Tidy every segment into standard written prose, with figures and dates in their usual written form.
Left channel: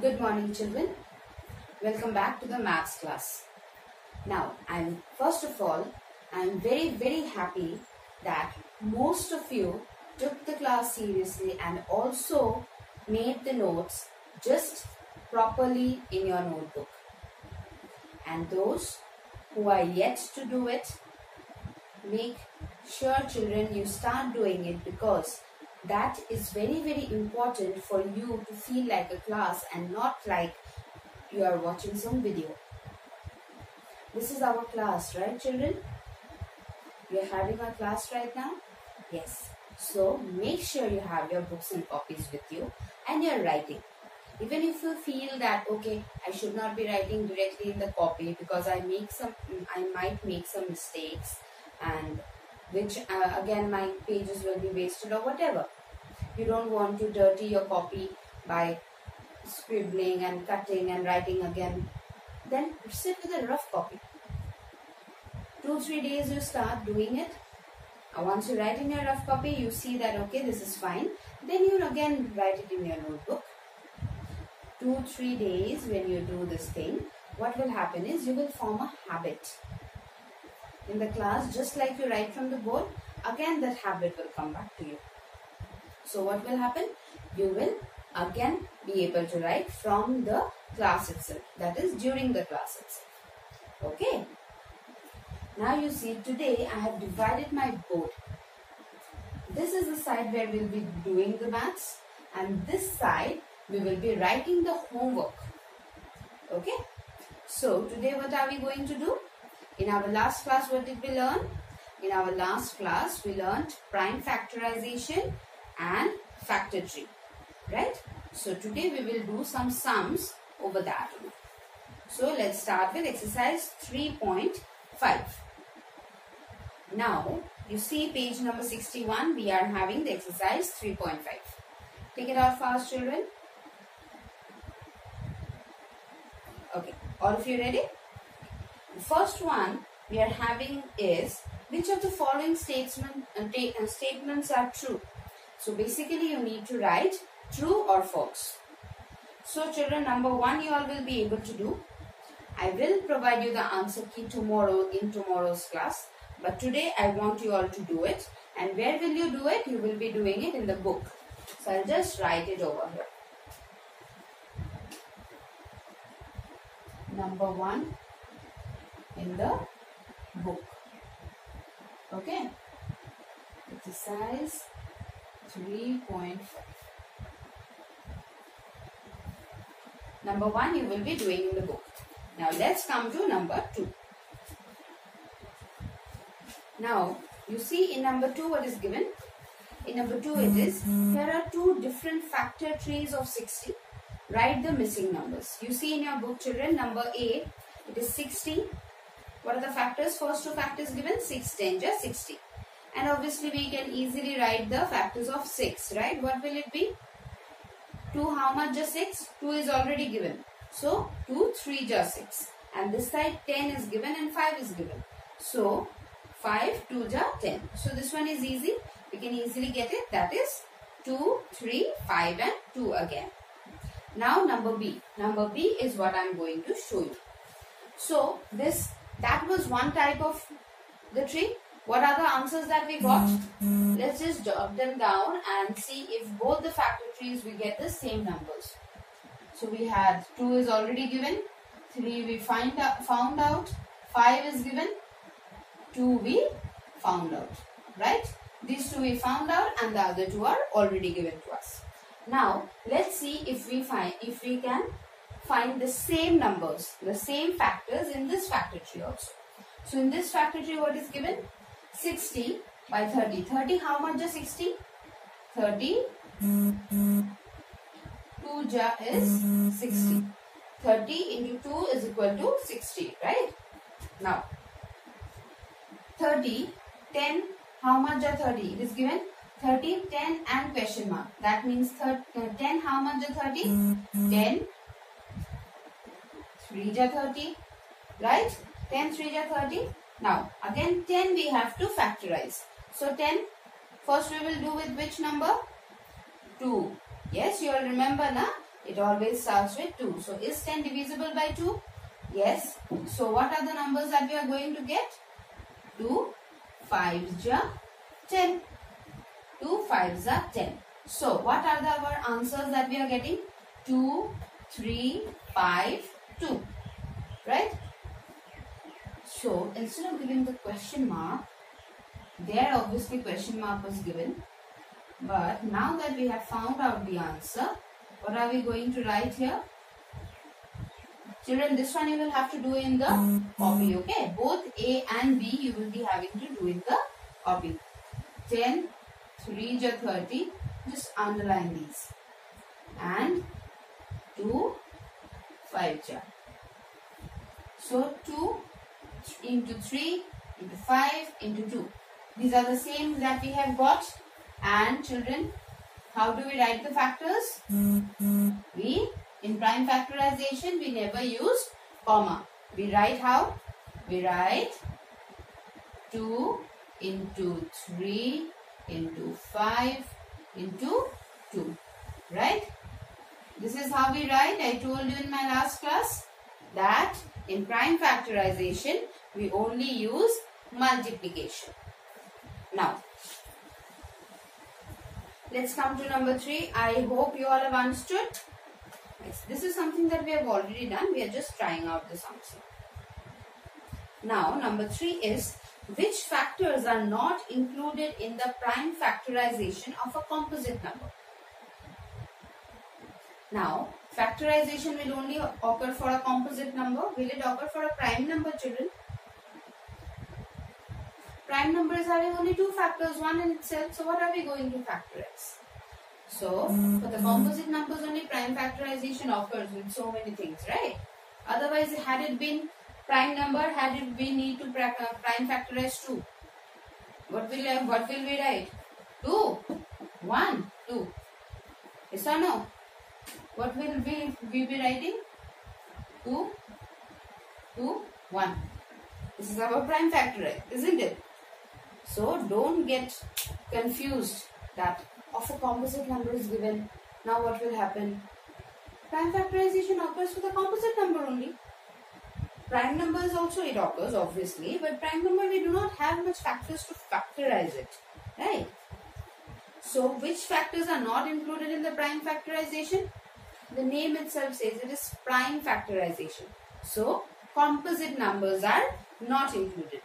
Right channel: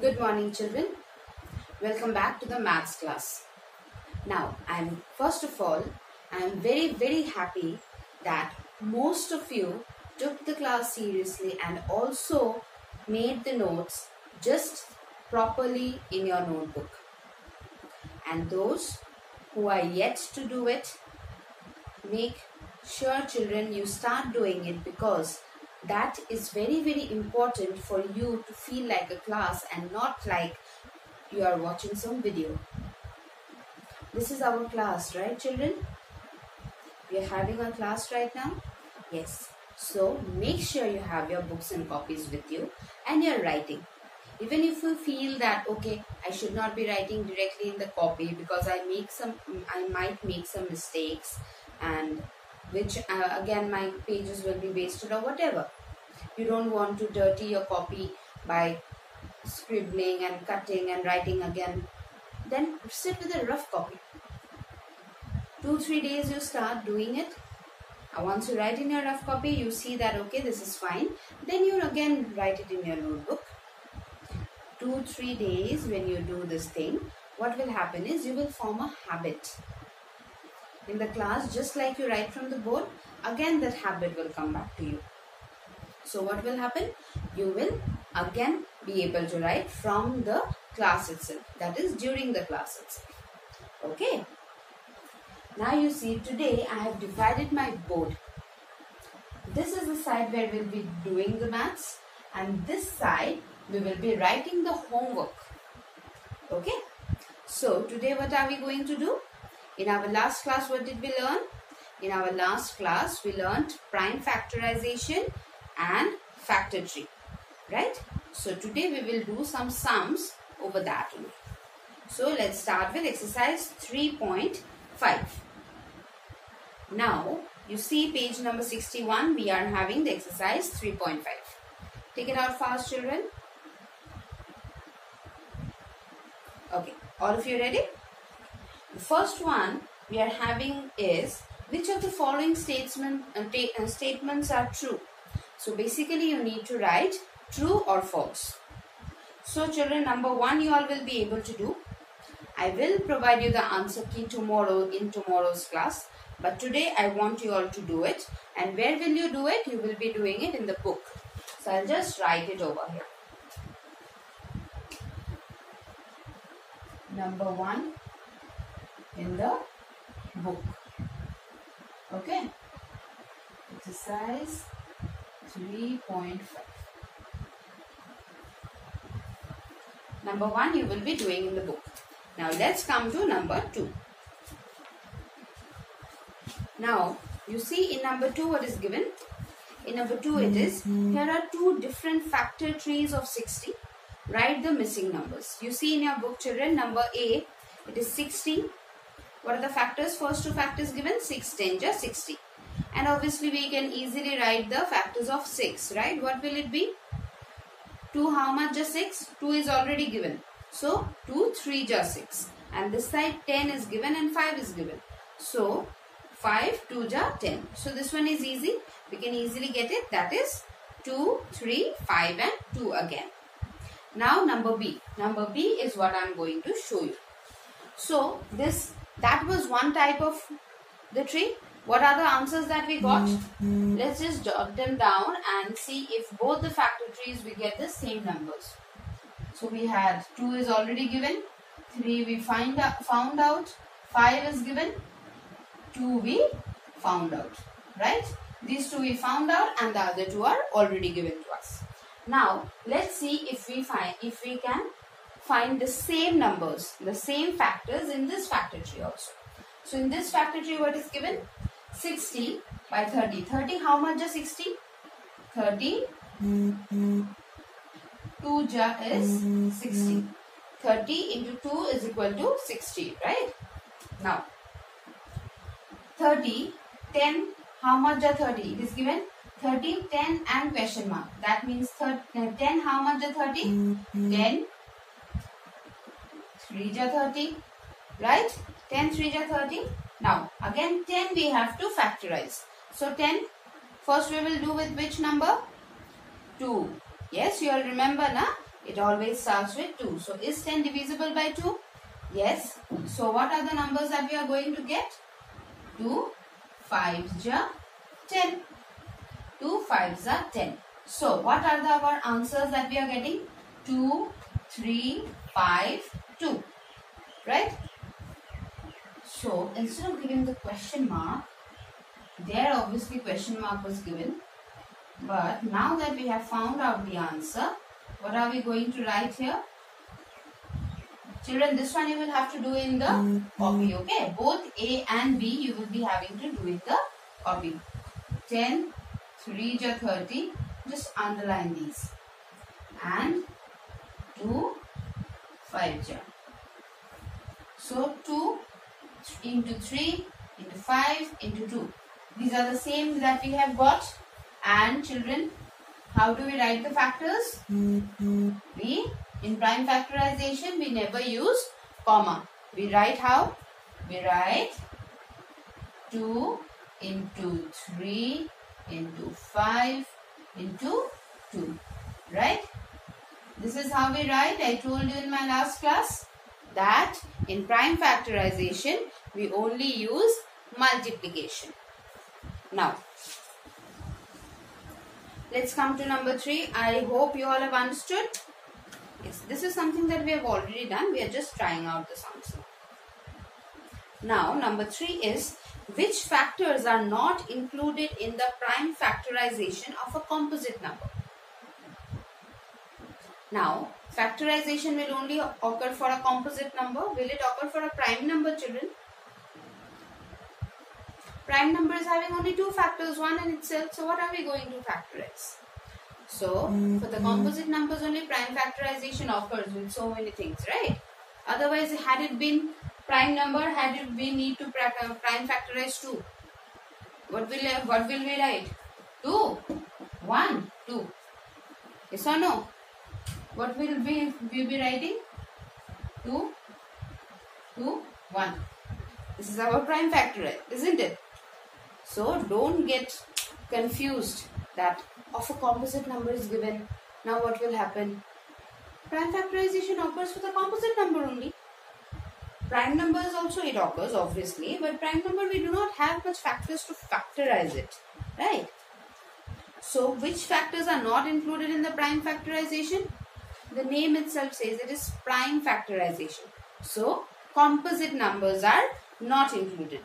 Good morning, children. Welcome back to the maths class. Now, first of all, I'm very happy that most of you took the class seriously and also made the notes just properly in your notebook. And those who are yet to do it, make sure, children, you start doing it, because that is very important for you to feel like a class and not like you are watching some video. This is our class, right, children? We are having a class right now? Yes. So make sure you have your books and copies with you and you're writing. Even if you feel that, okay, I should not be writing directly in the copy because I might make some mistakes, and which again my pages will be wasted or whatever. You don't want to dirty your copy by scribbling and cutting and writing again. Then sit with a rough copy. 2-3 days you start doing it. Once you write in your rough copy, you see that okay, this is fine. Then you again write it in your notebook. 2-3 days when you do this thing, what will happen is you will form a habit. In the class, just like you write from the board, again that habit will come back to you. So what will happen? You will again be able to write from the class itself. That is during the class itself. Okay. Now you see, today I have divided my board. This is the side where we will be doing the maths, and this side we will be writing the homework. Okay. So today what are we going to do? In our last class, what did we learn? In our last class, we learned prime factorization and factor tree, right? So today we will do some sums over that. So let's start with exercise 3.5. Now you see page number 61, we are having the exercise 3.5. Take it out fast, children. Okay, all of you ready? The first one we are having is, which of the following statements are true? So basically you need to write true or false. So children, number 1 you all will be able to do. I will provide you the answer key tomorrow in tomorrow's class. But today I want you all to do it. And where will you do it? You will be doing it in the book. So I'll just write it over here. Number 1 in the book. Okay. Exercise 3.5. Number 1 you will be doing in the book. Now let's come to number 2. Now you see in number 2 what is given? In number 2 it is, here are 2 different factor trees of 60. Write the missing numbers. You see in your book, children, number A, it is 60. What are the factors? First 2 factors given, 6 10 is 60. And obviously we can easily write the factors of 6, right? What will it be? 2 how much is 6? 2 is already given. So 2 3 is 6. And this side 10 is given and 5 is given. So 5 2 is 10. So this one is easy. We can easily get it. That is 2, 3, 5 and 2 again. Now number B. Number B is what I am going to show you. So that was one type of the tree. What are the answers that we got? Let's just jot them down and see if both the factor trees we get the same numbers. So we had 2 is already given, 3 we found out, 5 is given, 2 we found out, right? These 2 we found out and the other 2 are already given to us. Now let's see if we can find the same numbers, the same factors in this factor tree also. So in this factor tree what is given? 60 by 30. 30 how much is 60? 30 2 is 60. 30 into 2 is equal to 60, right? Now 30, 10 how much is 30? It is given 30, 10 and question mark. That means 10 how much is 30? 10 3 is 30, right? 10 3 is 30. Now again 10 we have to factorize. So 10 first we will do with which number? 2. Yes, you all remember na? It always starts with 2. So is 10 divisible by 2? Yes. So what are the numbers that we are going to get? 2 5s are 10. 2 5s are 10. So what are our answers that we are getting? 2, 3, 5, 2. Right? So instead of giving the question mark, there obviously question mark was given. But now that we have found out the answer, what are we going to write here? Children, this one you will have to do in the copy, okay? Both A and B you will be having to do in the copy. 10, 3 ja 30, just underline these. And 2, 5 ja. So 2 into 3 into 5 into 2. These are the same that we have got. And children, how do we write the factors? In prime factorization, we never use comma. We write how? We write 2 into 3 into 5 into 2. Right? This is how we write. I told you in my last class that in prime factorization, we only use multiplication. Now, let's come to number 3. I hope you all have understood. Yes, this is something that we have already done. We are just trying out this answer. Now, number 3 is, which factors are not included in the prime factorization of a composite number? Now, factorization will only occur for a composite number. Will it occur for a prime number, children? Prime number is having only 2 factors, one in itself. So, what are we going to factorize? So, for the composite numbers only prime factorization occurs with so many things, right? Otherwise, had it been prime number, had it been need to prime factorize 2. What will we write? 2, 1, 2. Yes or no? What will we be writing? 2, 2, 1. This is our prime factorize, isn't it? So, don't get confused that of a composite number is given. Now what will happen? Prime factorization occurs for the composite number only. Prime numbers also it occurs obviously, but prime number we do not have much factors to factorize it, right? So which factors are not included in the prime factorization? The name itself says it is prime factorization. So composite numbers are not included.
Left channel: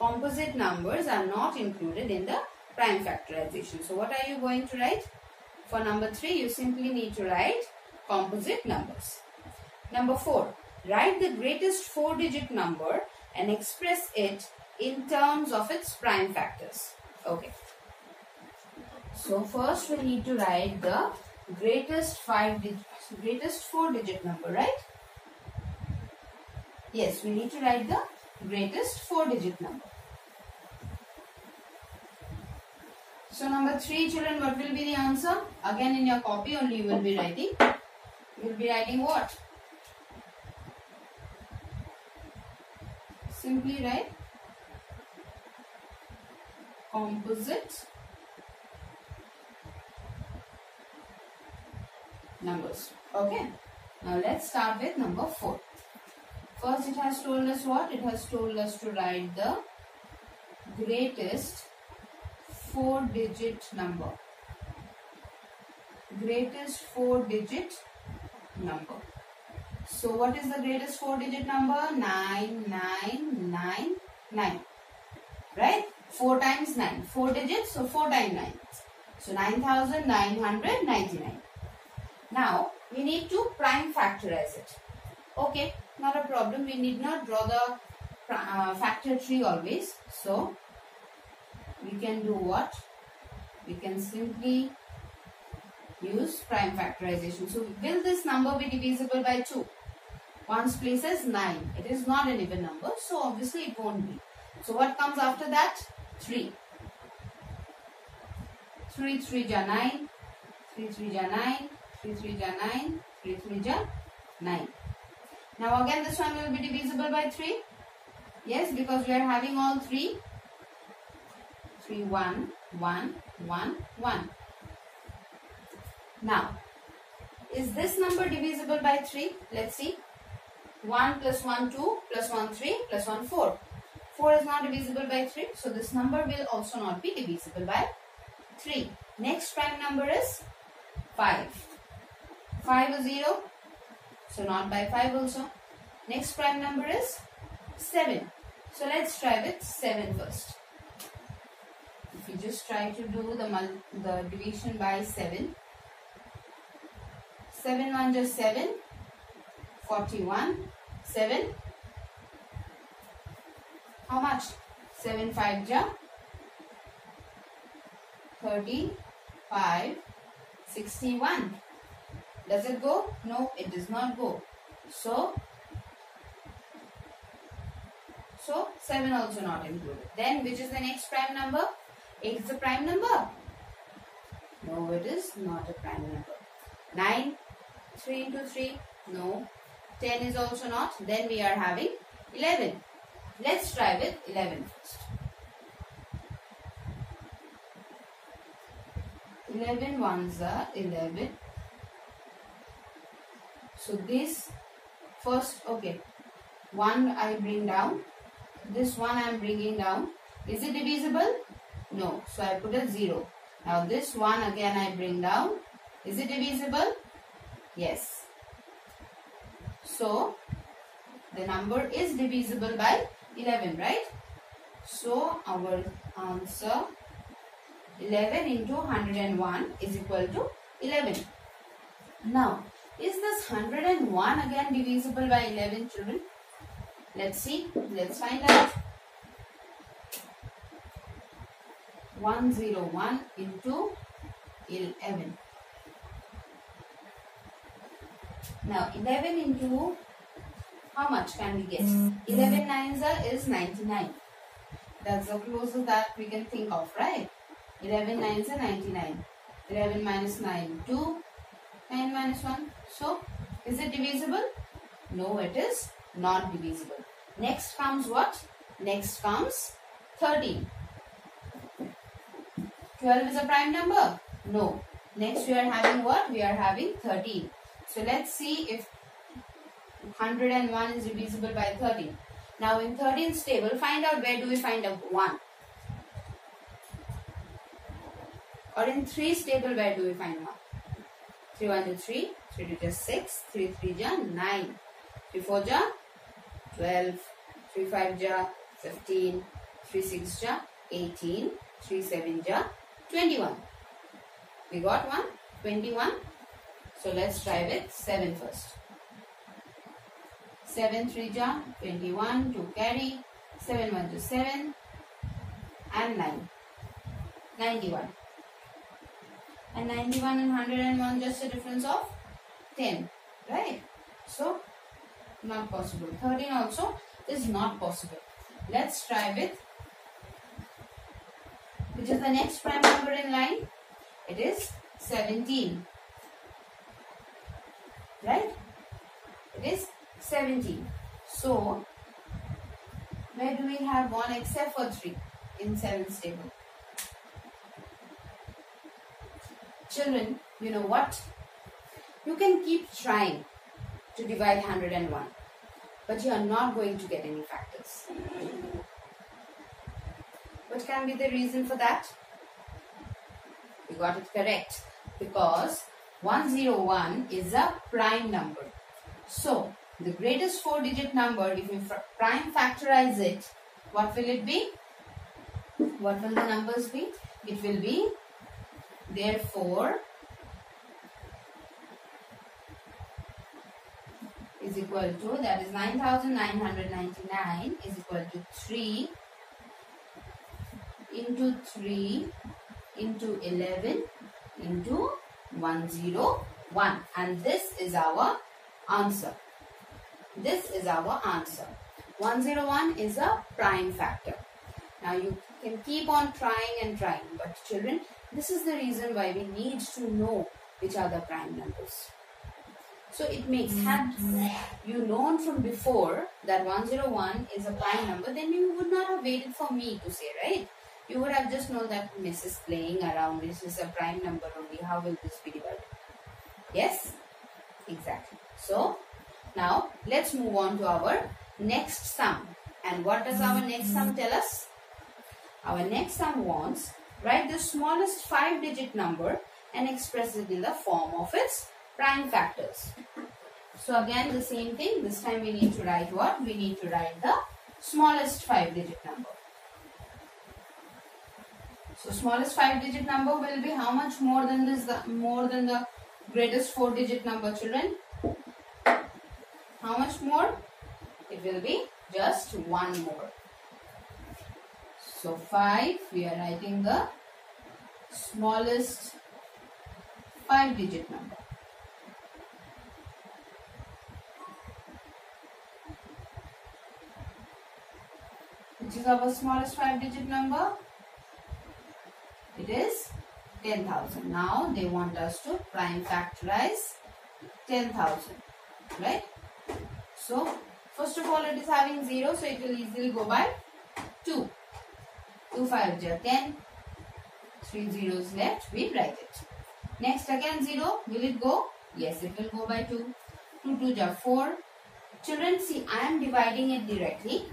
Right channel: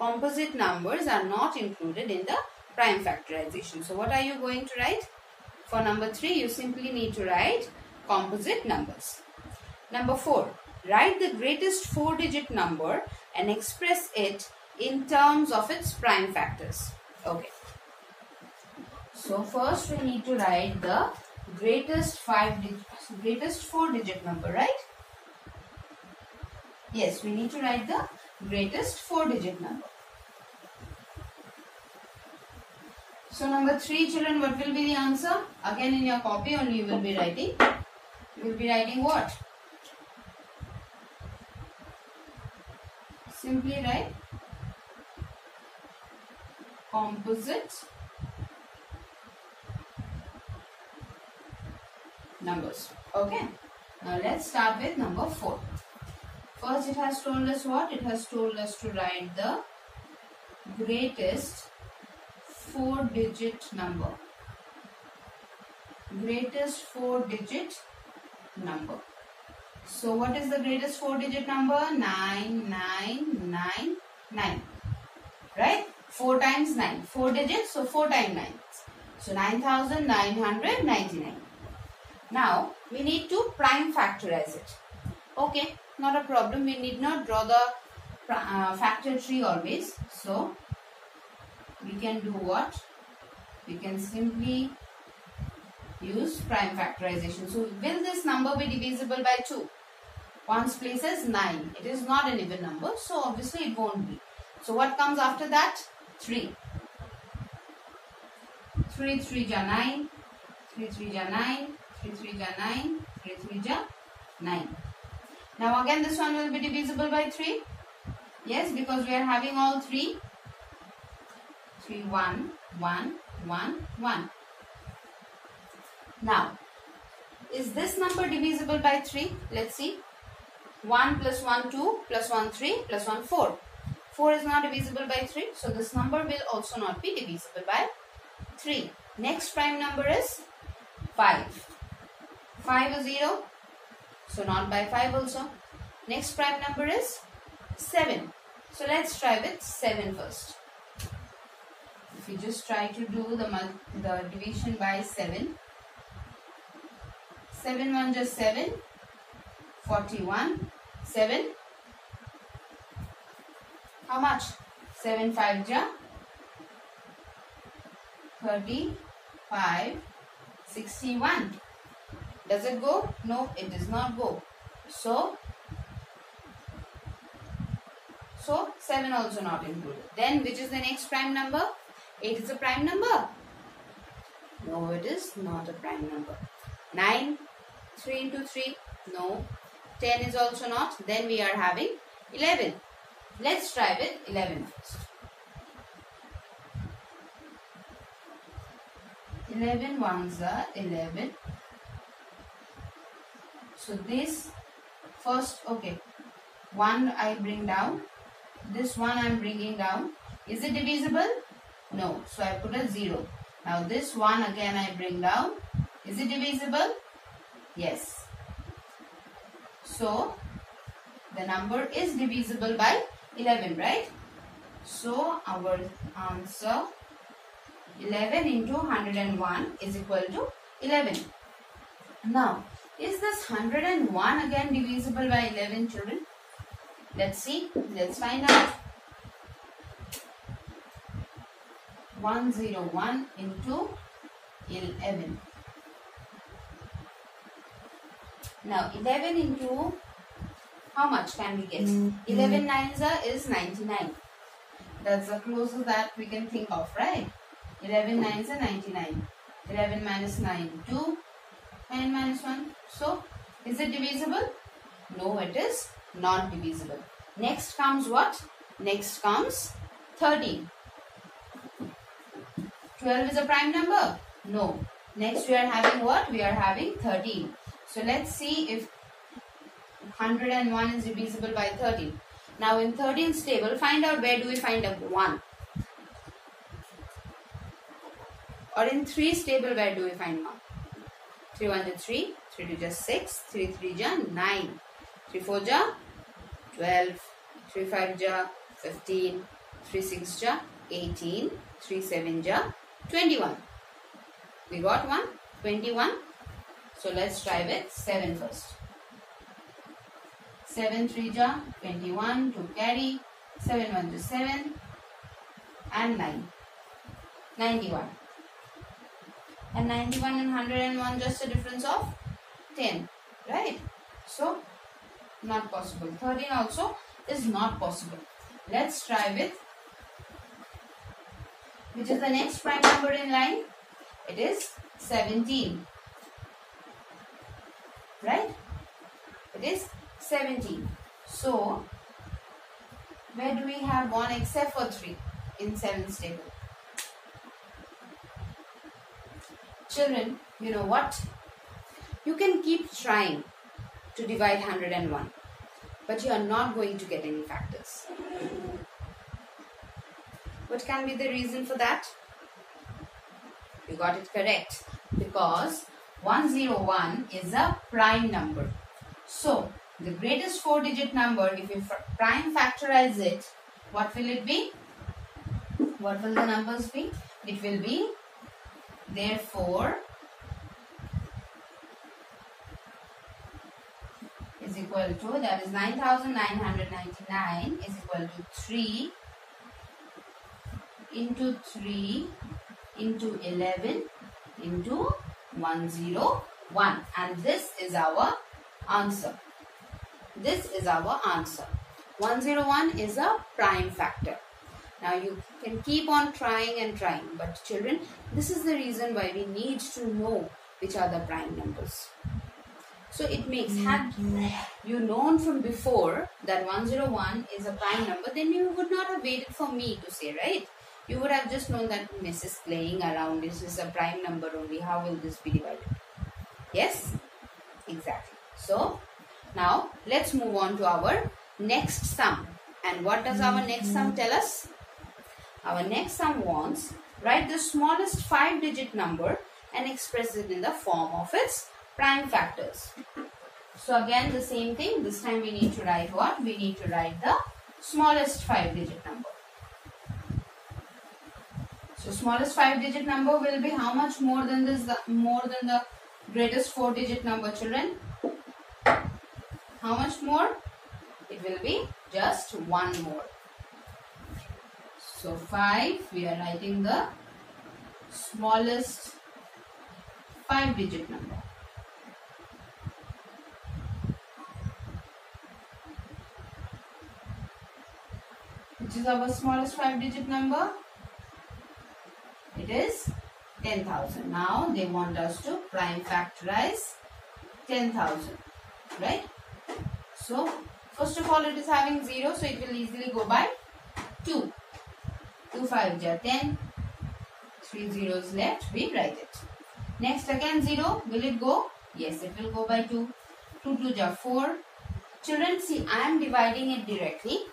Composite numbers are not included in the prime factorization. So what are you going to write? For number 3, you simply need to write composite numbers. Number 4, write the greatest 4-digit number and express it in terms of its prime factors. Okay. So first we need to write the greatest 4-digit number, right? Yes, we need to write the greatest 4-digit number. So number 3, children, what will be the answer? Again in your copy only you will be writing. You will be writing what? Simply write composite numbers. Okay. Now let's start with number 4. First it has told us what? It has told us to write the greatest 4-digit number. Greatest 4-digit number. So what is the greatest 4-digit number? 9999. Right? 4 times 9. 4 digits, so 4 times 9. So 9999. Now we need to prime factorize it. Okay, not a problem. We need not draw the factor tree always. So we can do what? We can simply use prime factorization. So will this number be divisible by 2? 1's place is 9. It is not an even number, so obviously it won't be. So what comes after that? 3. 3 3 ja 9. 3 3 ja 9. 3 3 ja 9. 3 3 ja 9. Now again this one will be divisible by 3. Yes, because we are having all 3. 3 1 1 1 1. Now is this number divisible by 3? Let's see. 1 plus 1 2 plus 1 3 plus 1 4. 4 is not divisible by 3. So this number will also not be divisible by 3. Next prime number is 5. 5 is 0. So not by 5 also. Next prime number is 7. So let's try with 7 first. If you just try to do the division by 7. 7 1 just 7. 41. 7. How much? 7 5 ja 35. 61. Does it go? No, it does not go. So 7 also not included. Then which is the next prime number? 8 is a prime number. No, it is not a prime number. 9, 3 into 3. No. 10 is also not. Then we are having 11. Let's try with 11 first. 11 ones are 11. So this first, okay, 1 I bring down. This one I am bringing down. Is it divisible? No. So I put a 0. Now this one again I bring down. Is it divisible? Yes. So the number is divisible by 11, right? So our answer 11 into 101 is equal to 11. Now, is this 101 again divisible by 11, children? Let's see. Let's find out. 101 into 11. Now 11 into how much can we get? 11 nines is 99. That's the closest that we can think of, right? 11 nines are 99. 11 minus 9, 2. 9 minus 1. So, is it divisible? No, it is not divisible. Next comes what? Next comes 13. 12 is a prime number? No. Next we are having what? We are having 13. So, let's see if 101 is divisible by 13. Now, in 13's table, find out where do we find a 1? Or in 3's table, where do we find 1? 3 1 is 3, 3 2 is 6, 3 3 is 9, 3 4 is 12, 3 5 is 15, 3 6 is 18, 3 7 is 21. We got 1, 21. So let's try with 7 first. 7 3 is 21 to carry, 7 1 is 7 and 9, 91. And 91 and 101 just a difference of 10, right? So, not possible. 13 also is not possible. Let's try with, which is the next prime number in line? It is 17, right? It is 17. So, where do we have 1 except for 3 in 7's table? Children, you know what? You can keep trying to divide 101, but you are not going to get any factors. What can be the reason for that? You got it correct, because 101 is a prime number. So, the greatest 4-digit number, if you prime factorize it, what will it be? What will the numbers be? It will be, therefore, is equal to, that is 9,999 is equal to 3 into 3 into 11 into 101, and this is our answer. This is our answer. 101 is a prime factor. Now you can keep on trying and trying, but children, this is the reason why we need to know which are the prime numbers. So it makes, had you known from before that 101 is a prime number, then you would not have waited for me to say, right? You would have just known that Miss is playing around, this is a prime number only, how will this be divided? Yes? Exactly. So now let's move on to our next sum. And what does our next sum tell us? Our next sum wants, write the smallest 5-digit number and express it in the form of its prime factors. So again the same thing. This time we need to write what? We need to write the smallest 5-digit number. So smallest 5-digit number will be how much more than this? More than the greatest 4-digit number, children? How much more? It will be just one more. So 5, we are writing the smallest 5-digit number. Which is our smallest 5-digit number? It is 10,000. Now they want us to prime factorize 10,000, right? So first of all it is having 0, so it will easily go by 2. 2 5 are 10. 3 zeros left, we write it. Next again 0, will it go? Yes, it will go by 2. 2 2 are 4. Children, see, I am dividing it directly.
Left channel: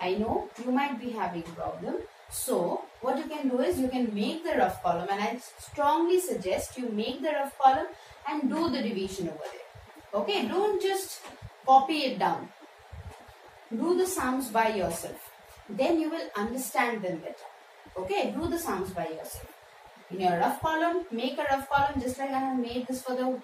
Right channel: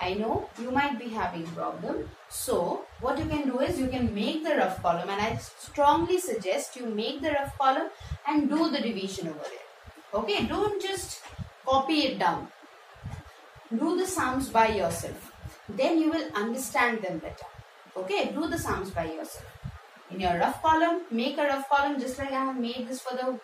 I know you might be having problem. So what you can do is you can make the rough column, and I strongly suggest you make the rough column and do the division over there. Okay, don't just copy it down. Do the sums by yourself. Then you will understand them better. Okay, do the sums by yourself. In your rough column, make a rough column just like I have made this for the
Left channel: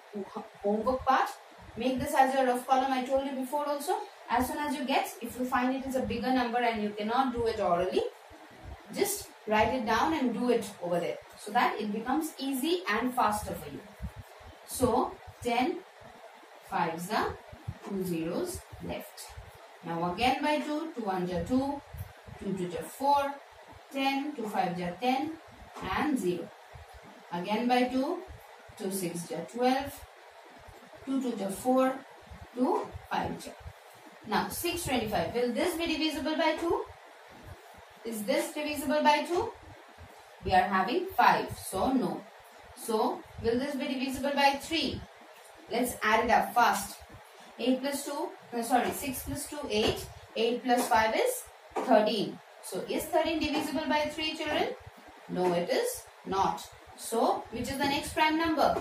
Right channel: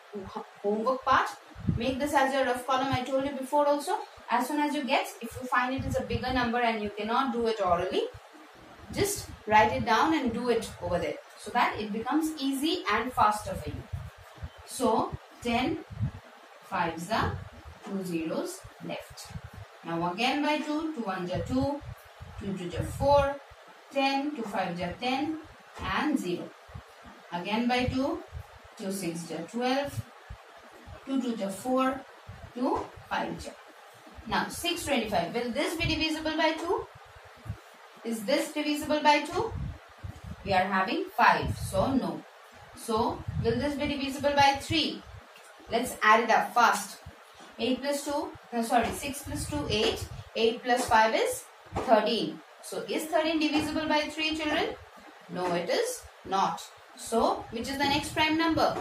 homework part. Make this as your rough column. I told you before also. As soon as you get, if you find it is a bigger number and you cannot do it orally, just write it down and do it over there, so that it becomes easy and faster for you. So 10 5s are 2 zeros left. Now again by 2, 2 1s are 2, 2 2s are 4, 10, 2 5s are 10 and 0. Again by 2, 2 6s are 12, 2 2s are 4, 2 5s are. Now 625, will this be divisible by 2? Is this divisible by 2? We are having 5, so no. So will this be divisible by 3? Let's add it up fast. 8 plus 2, no, sorry, 6 plus 2, 8. 8 plus 5 is 13. So is 13 divisible by 3, children? No, it is not. So which is the next prime number?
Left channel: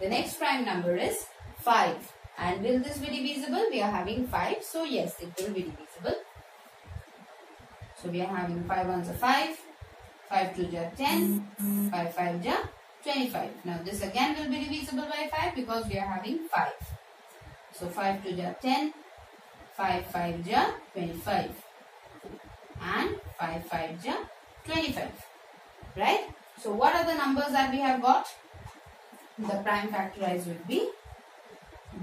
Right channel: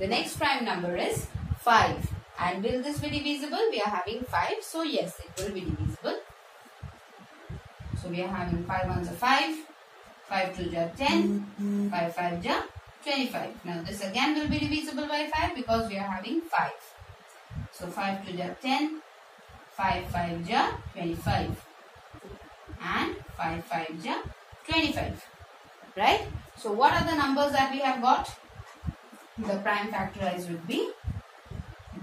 The next prime number is 5. And will this be divisible? We are having 5. So yes, it will be divisible. So we are having 5 1s are 5. 5 2s are 10. 5 5s are 25. Now this again will be divisible by 5 because we are having 5. So 5 2s are 10. 5 5s are 25. And 5 5s are 25. Right? So what are the numbers that we have got? The prime factorized would be,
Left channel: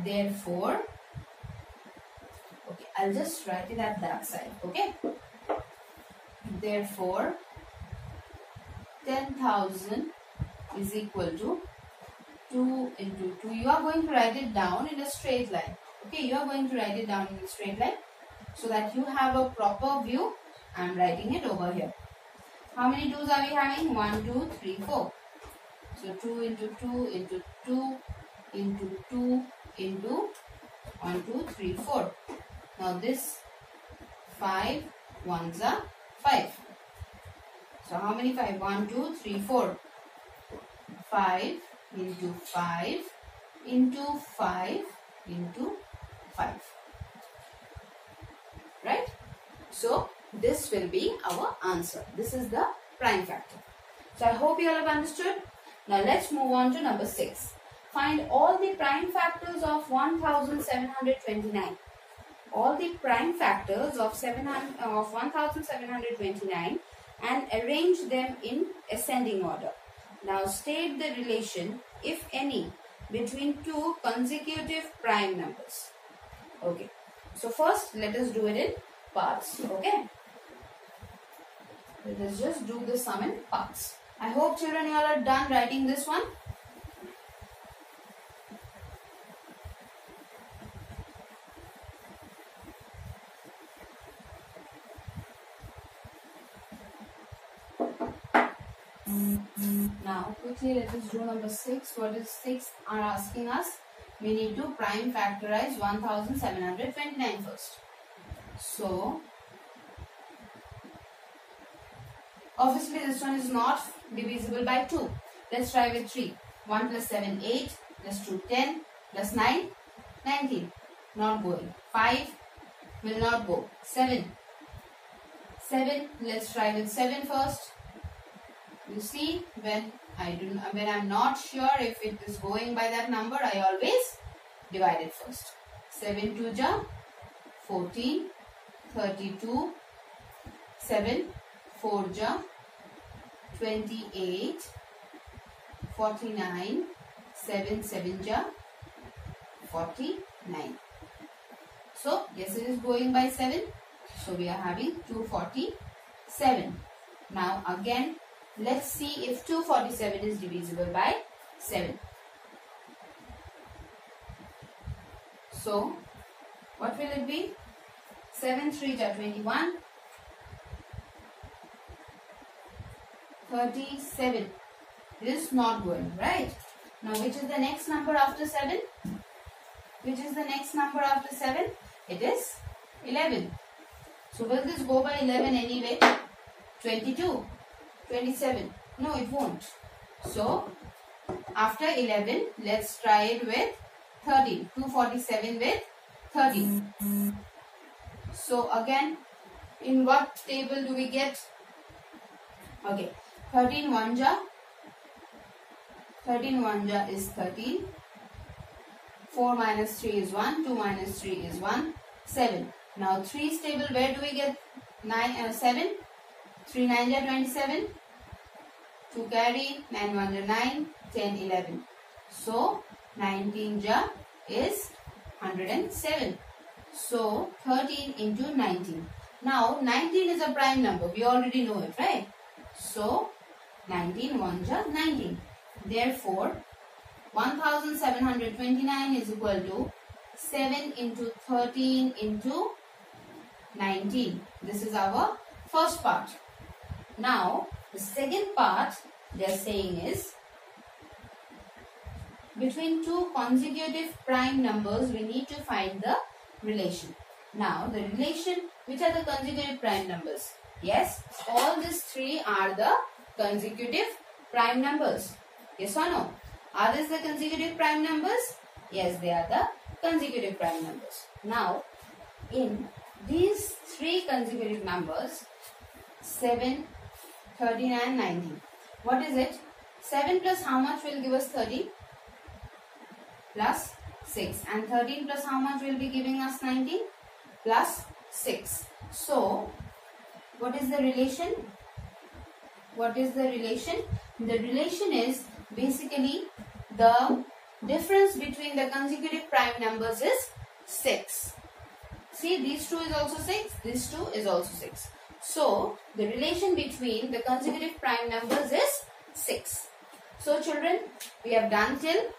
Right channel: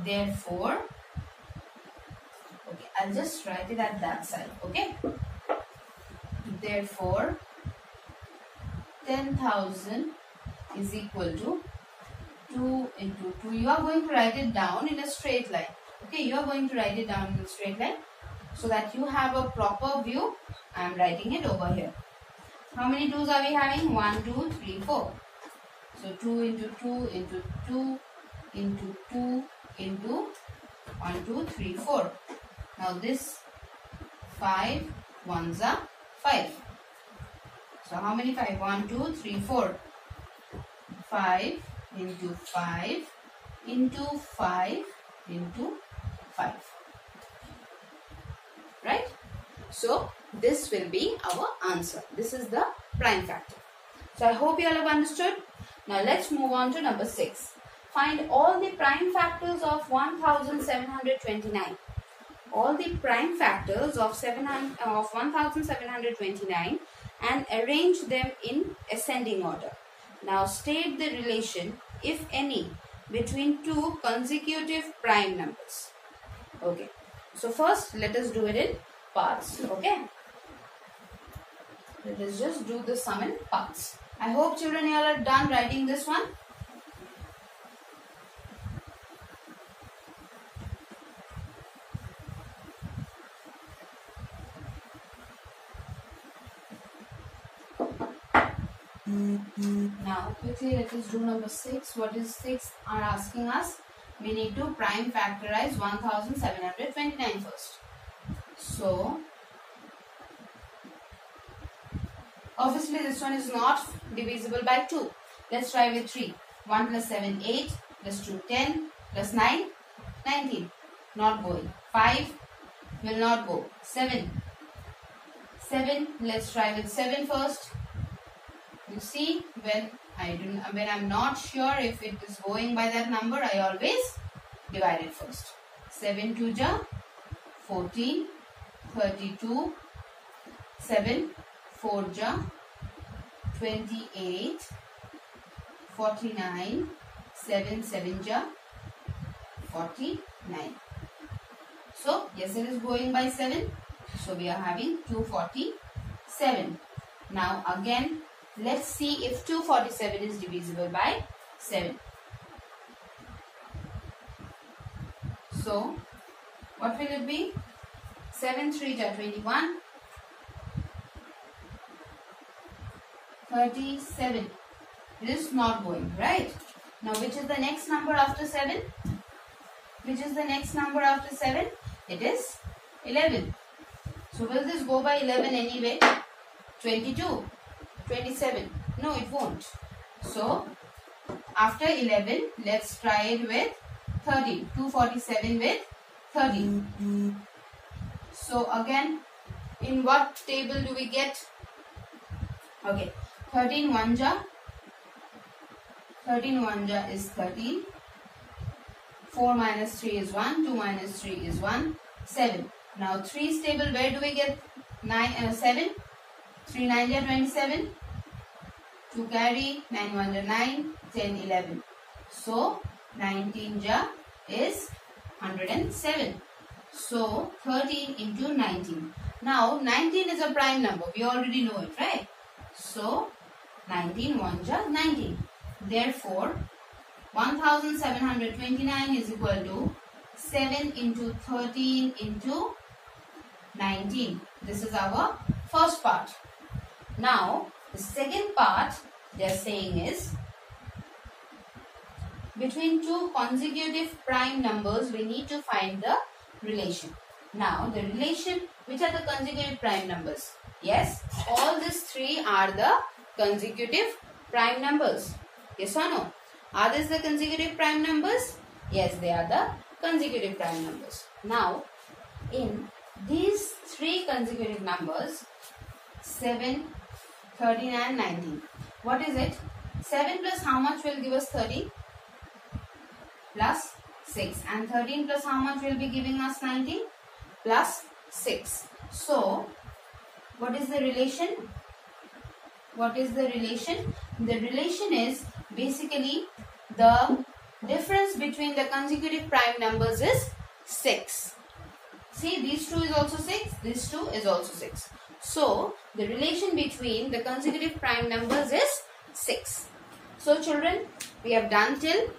therefore, okay, I'll just write it at that side, okay? Therefore, 10,000 is equal to 2 into 2. You are going to write it down in a straight line, okay? You are going to write it down in a straight line so that you have a proper view. I am writing it over here. How many 2's are we having? 1, 2, 3, 4. So 2 into 2 into 2 into 2 into 1, 2, 3, 4. Now this 5 1s are 5. So how many 5? 1, 2, 3, 4. 5 into 5 into 5 into 5. Right? So this will be our answer. This is the prime factor. So I hope you all have understood. Now let's move on to number 6. Find all the prime factors of 1729. All the prime factors of 1729 and arrange them in ascending order. Now state the relation, if any, between two consecutive prime numbers. Okay. So first let us do it in parts. Okay. Let us just do the sum in parts. I hope children you all are done writing this one. Now quickly let us do number 6. What is 6 are asking us? we need to prime factorize 1729 first. So, obviously this one is not divisible by 2. Let's try with 3. 1 plus 7, 8, plus 2, 10, plus 9, 19. Not going. 5 will not go. 7. 7, let's try with 7 first. You see, when I'm not sure if it is going by that number, I always divide it first. 7 2 ja 14, 32, 7 4 ja 28, 49, 7 7 ja 49. So yes, it is going by 7. So we are having 247. Now again, let's see if 247 is divisible by 7. So what will it be? 7 3 ja 21, 37. It is not going, right? Now which is the next number after 7? Which is the next number after 7? It is 11. So will this go by 11 anyway? 22, 27. No, it won't. So after 11, let's try it with 13. 247 with 13. So again, in what table do we get? Okay, 13 1 ja. 13 1 ja is 13. 4 minus 3 is 1. 2 minus 3 is 1. 7. Now 3's table, where do we get 7? 3 9 ja 27. 2 carry, 9 1 ja 9, 10 11. So 19 ja is 107. So 13 into 19. Now 19 is a prime number. We already know it, right? So 19 1 ja 19. Therefore 1729 is equal to 7 into 13 into 19. This is our first part. Now the second part they are saying is, between two consecutive prime numbers we need to find the relation. Now the relation, which are the consecutive prime numbers? Yes, all these three are the consecutive prime numbers. Yes or no? Are these the consecutive prime numbers? Yes, they are the consecutive prime numbers. Now, in these three consecutive numbers, 7, 13 and 19. What is it? 7 plus how much will give us 30? Plus 6. And 13 plus how much will be giving us 19? Plus 6. So, what is the relation? What is the relation? The relation is basically the difference between the consecutive prime numbers is 6. See, these 2 is also 6, this 2 is also 6. So, the relation between the consecutive prime numbers is 6. So, children, we have done till,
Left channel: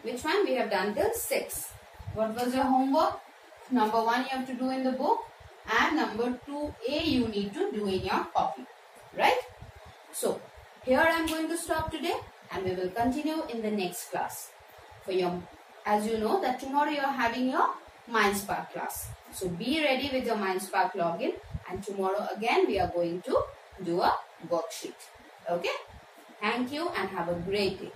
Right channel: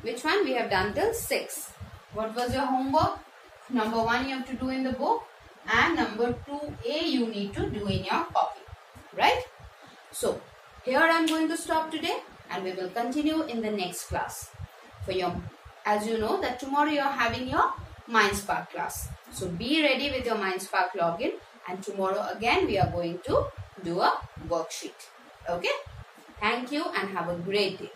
which one? We have done till 6. What was your homework? Number 1 you have to do in the book, and number 2A you need to do in your copy. Right? So, here I am going to stop today, and we will continue in the next class. As you know that tomorrow you are having your MindSpark class. So be ready with your MindSpark login, and tomorrow again we are going to do a worksheet. Okay? Thank you and have a great day.